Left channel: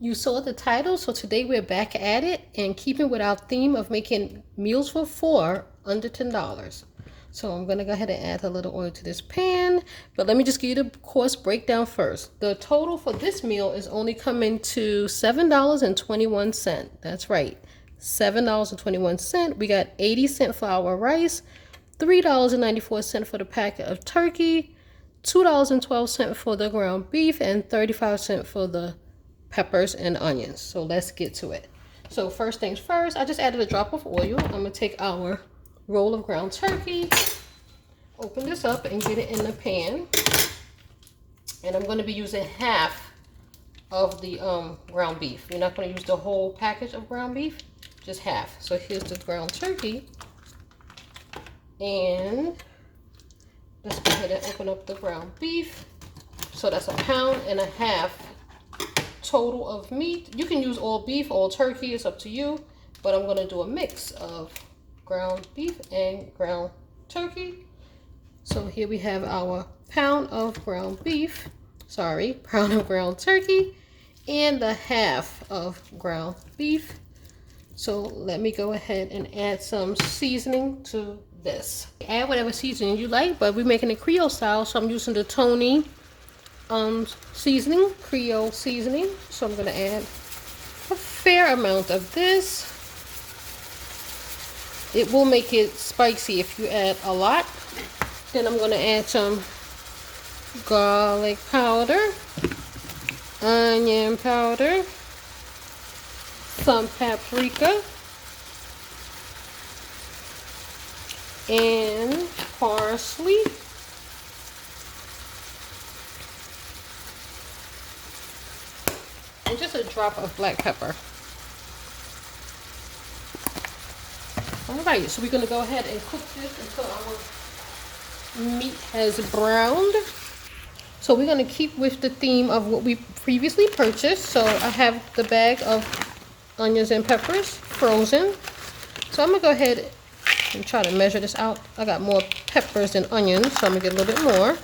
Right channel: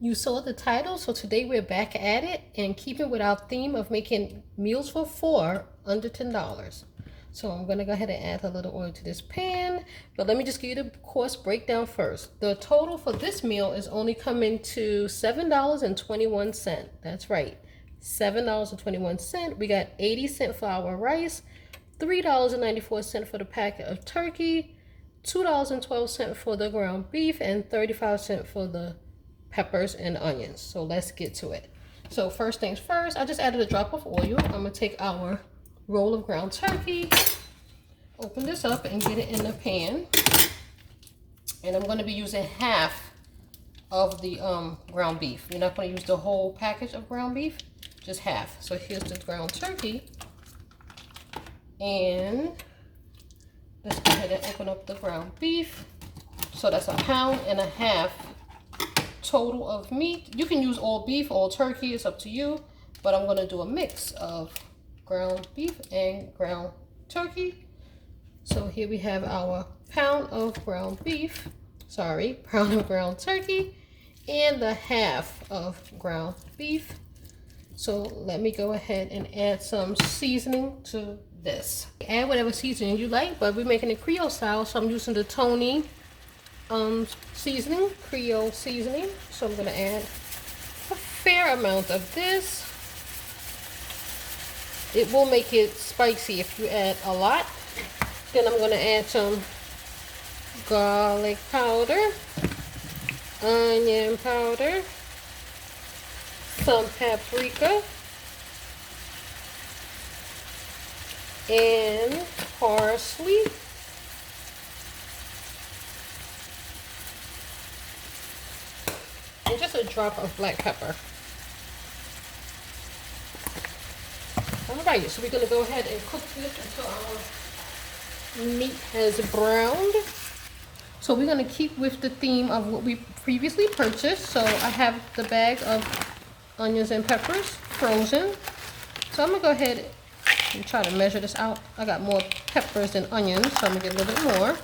You saw the title, so today we're back at it and keeping with our theme of making meals for four under $10. So I'm gonna go ahead and add a little oil to this pan, but let me just give you the cost breakdown first. The total for this meal is only coming to $7.21. That's right, $7.21. We got 80 cents for our rice, $3.94 for the packet of turkey, $2.12 for the ground beef, and 35 cents for the peppers and onions. So let's get to it. So first things first, I just added a drop of oil. I'm gonna take our roll of ground turkey, open this up and get it in the pan. And I'm gonna be using half of the ground beef. You're not gonna use the whole package of ground beef, just half. So here's the ground turkey. And let's go ahead and open up the ground beef. So that's 1.5 pounds total of meat. You can use all beef, all turkey, it's up to you, but I'm gonna do a mix of ground beef and ground turkey. So here we have our pound of ground turkey and the half of ground beef. So let me go ahead and add some seasoning to this. Add whatever seasoning you like, but we're making it Creole style, so I'm using the Tony seasoning, Creole seasoning. So I'm gonna add a fair amount of this. It will make it spicy if you add a lot. Then I'm gonna add some garlic powder, onion powder, some paprika, and parsley. And just a drop of black pepper. Alright, so we're going to go ahead and cook this until our meat has browned. So we're going to keep with the theme of what we previously purchased. So I have the bag of onions and peppers frozen. So I'm going to go ahead and try to measure this out. I got more peppers than onions, so I'm going to get a little bit more.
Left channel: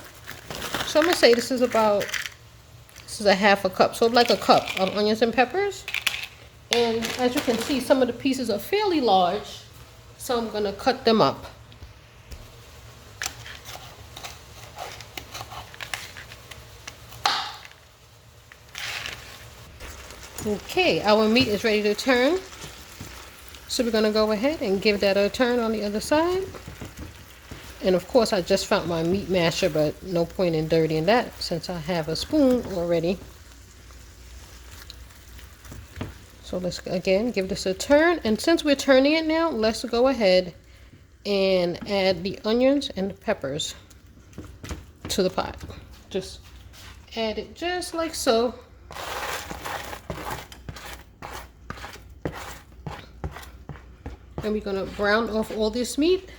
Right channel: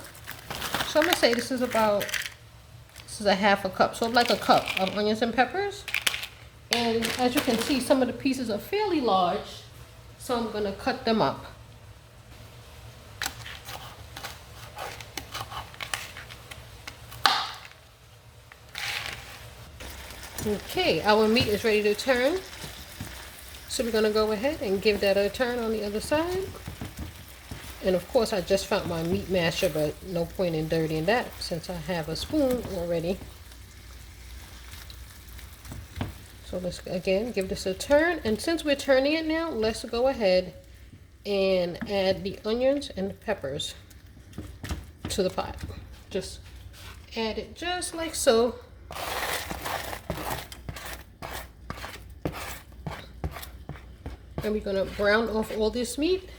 So I'm going to say this is a 1/2 cup, so like a cup of onions and peppers. And as you can see, some of the pieces are fairly large, so I'm gonna cut them up. Okay, our meat is ready to turn. So we're gonna go ahead and give that a turn on the other side. And of course, I just found my meat masher, but no point in dirtying that since I have a spoon already. So let's again give this a turn. And since we're turning it now, let's go ahead and add the onions and the peppers to the pot. Just add it just like so. And we're gonna brown off all this meat.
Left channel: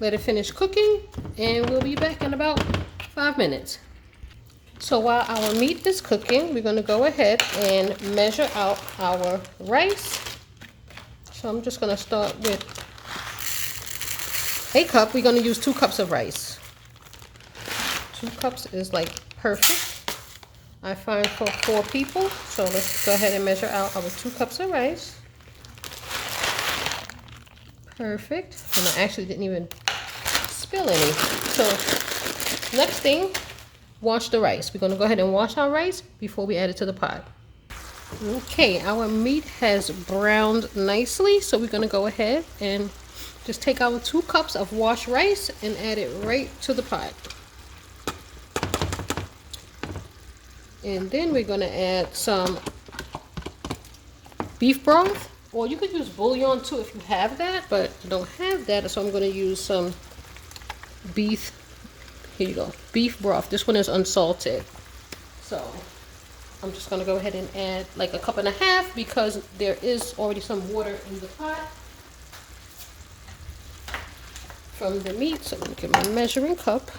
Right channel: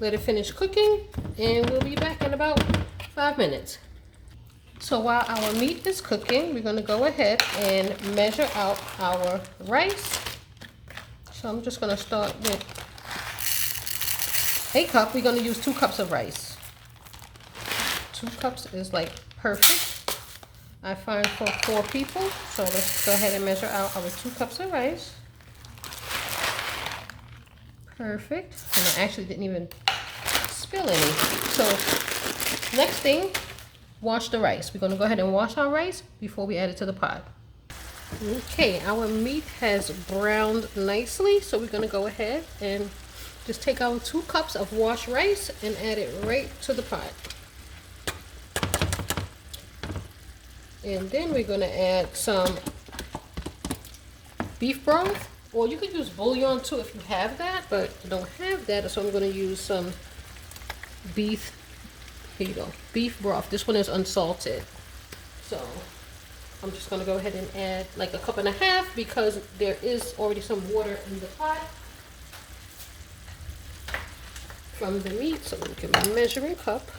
Let it finish cooking, and we'll be back in about 5 minutes. So while our meat is cooking, we're going to go ahead and measure out our rice. So I'm just going to start with a cup. We're going to use 2 cups of rice. 2 cups is like perfect, I find, for 4 people. So let's go ahead and measure out our 2 cups of rice. Perfect. And I actually didn't even spill any. So next thing, wash the rice. We're going to go ahead and wash our rice before we add it to the pot. Okay, our meat has browned nicely, so we're going to go ahead and just take our 2 cups of washed rice and add it right to the pot. And then we're going to add some beef broth, or you could use bouillon too if you have that, but I don't have that, so I'm going to use some beef. Here you go, beef broth. This one is unsalted. So I'm just going to go ahead and add like 1.5 cups because there is already some water in the pot from the meat. So I'm going to get my measuring cup.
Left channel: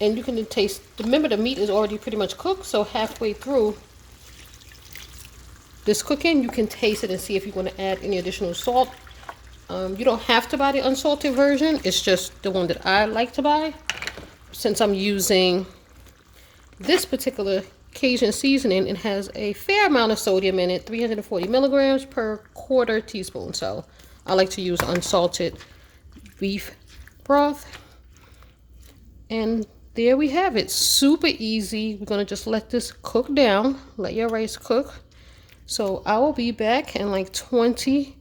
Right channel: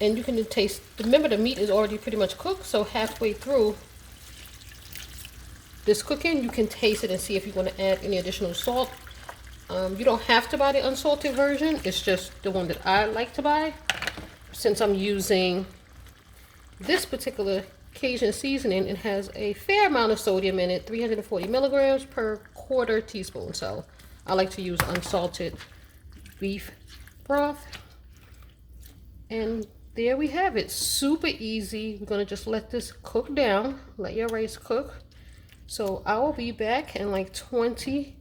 And you can taste, remember the meat is already pretty much cooked, so halfway through this cooking, you can taste it and see if you want to add any additional salt. You don't have to buy the unsalted version. It's just the one that I like to buy, since I'm using this particular Cajun seasoning, it has a fair amount of sodium in it, 340 milligrams per quarter teaspoon. So I like to use unsalted beef broth. And there we have it. Super easy. We're going to just let this cook down. Let your rice cook. So I will be back in like 20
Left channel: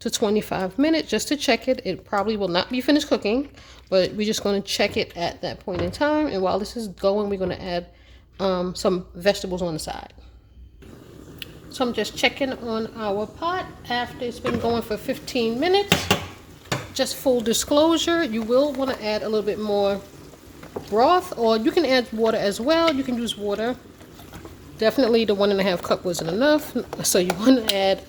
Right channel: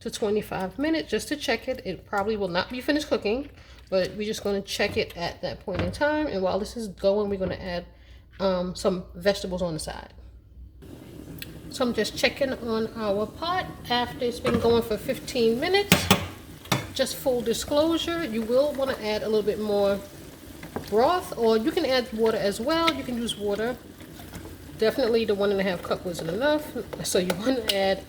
to 25 minutes just to check it. It probably will not be finished cooking, but we're just going to check it at that point in time. And while this is going, we're going to add some vegetables on the side. So I'm just checking on our pot after it's been going for 15 minutes. Just full disclosure, you will want to add a little bit more broth, or you can add water as well. You can use water. Definitely the 1.5 cup wasn't enough, so you want to add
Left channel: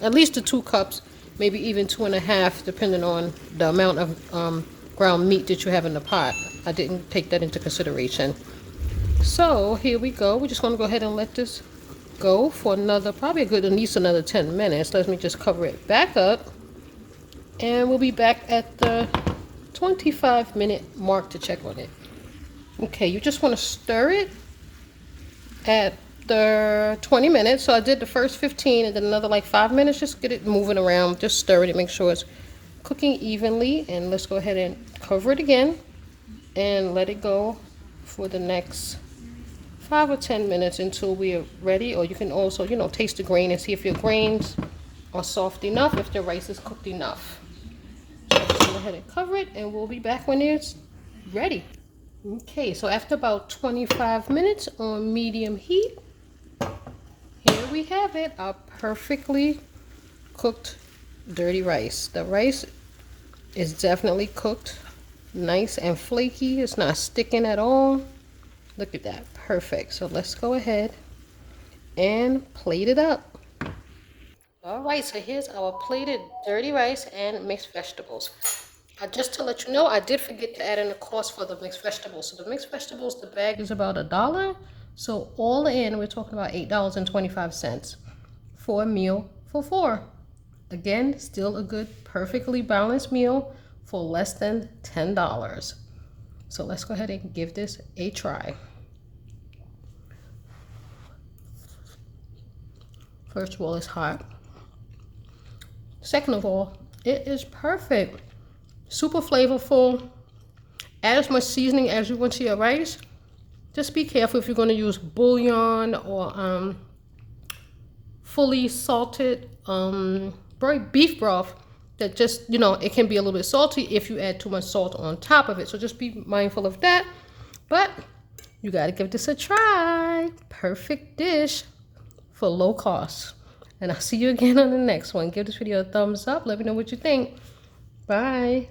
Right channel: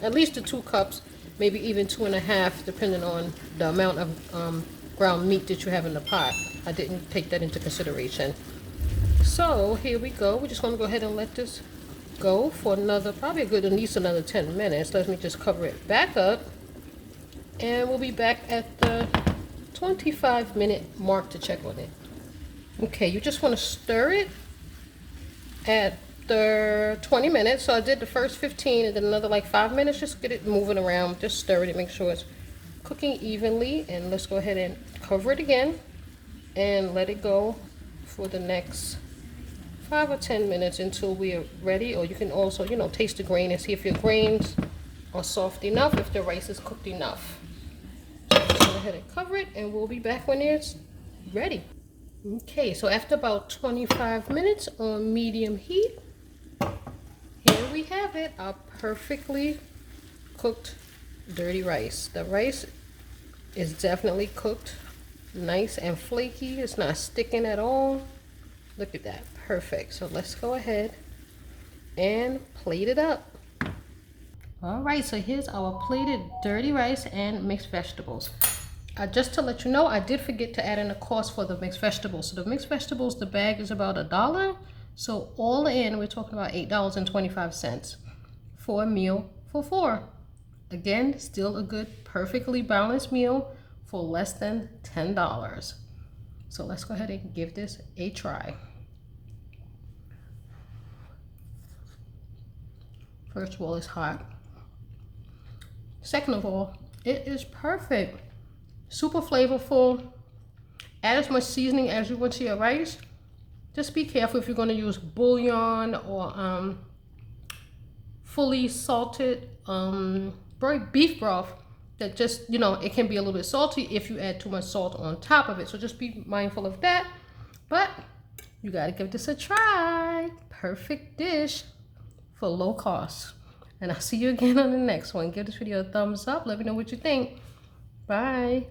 at least the 2 cups, maybe even 2.5, depending on the amount of ground meat that you have in the pot. I didn't take that into consideration. So here we go. We're just going to go ahead and let this go for another, probably a good, at least another 10 minutes. Let me just cover it back up, and we'll be back at the 25-minute mark to check on it. Okay, you just want to stir it at the 20 minutes. So I did the first 15 and then another like 5 minutes. Just get it moving around, just stir it and make sure it's cooking evenly. And let's go ahead and cover it again and let it go for the next 5 or 10 minutes until we are ready. Or you can also, you know, taste the grain and see if your grains are soft enough, if the rice is cooked enough. So just go ahead and cover it, and we'll be back when it's ready. Okay, so after about 25 minutes on medium heat, here we have it, our perfectly cooked dirty rice. The rice is definitely cooked nice and flaky. It's not sticking at all. Look at that, perfect. So let's go ahead and plate it up. All right, so here's our plated dirty rice and mixed vegetables. Just to let you know, I did forget to add in the cost for the mixed vegetables. So the mixed vegetables, the bag is about $1. So all in, we're talking about $8.25 for a meal for 4. Again, still a good, perfectly balanced meal for less than $10. So let's go ahead and give this a try. First of all, it's hot. Second of all, it is perfect. Super flavorful. Add as much seasoning as you want to your rice. Just be careful if you're going to use bouillon or fully salted beef broth, that just, you know, it can be a little bit salty if you add too much salt on top of it. So just be mindful of that. But you got to give this a try. Perfect dish for low cost. And I'll see you again on the next one. Give this video a thumbs up. Let me know what you think. Bye.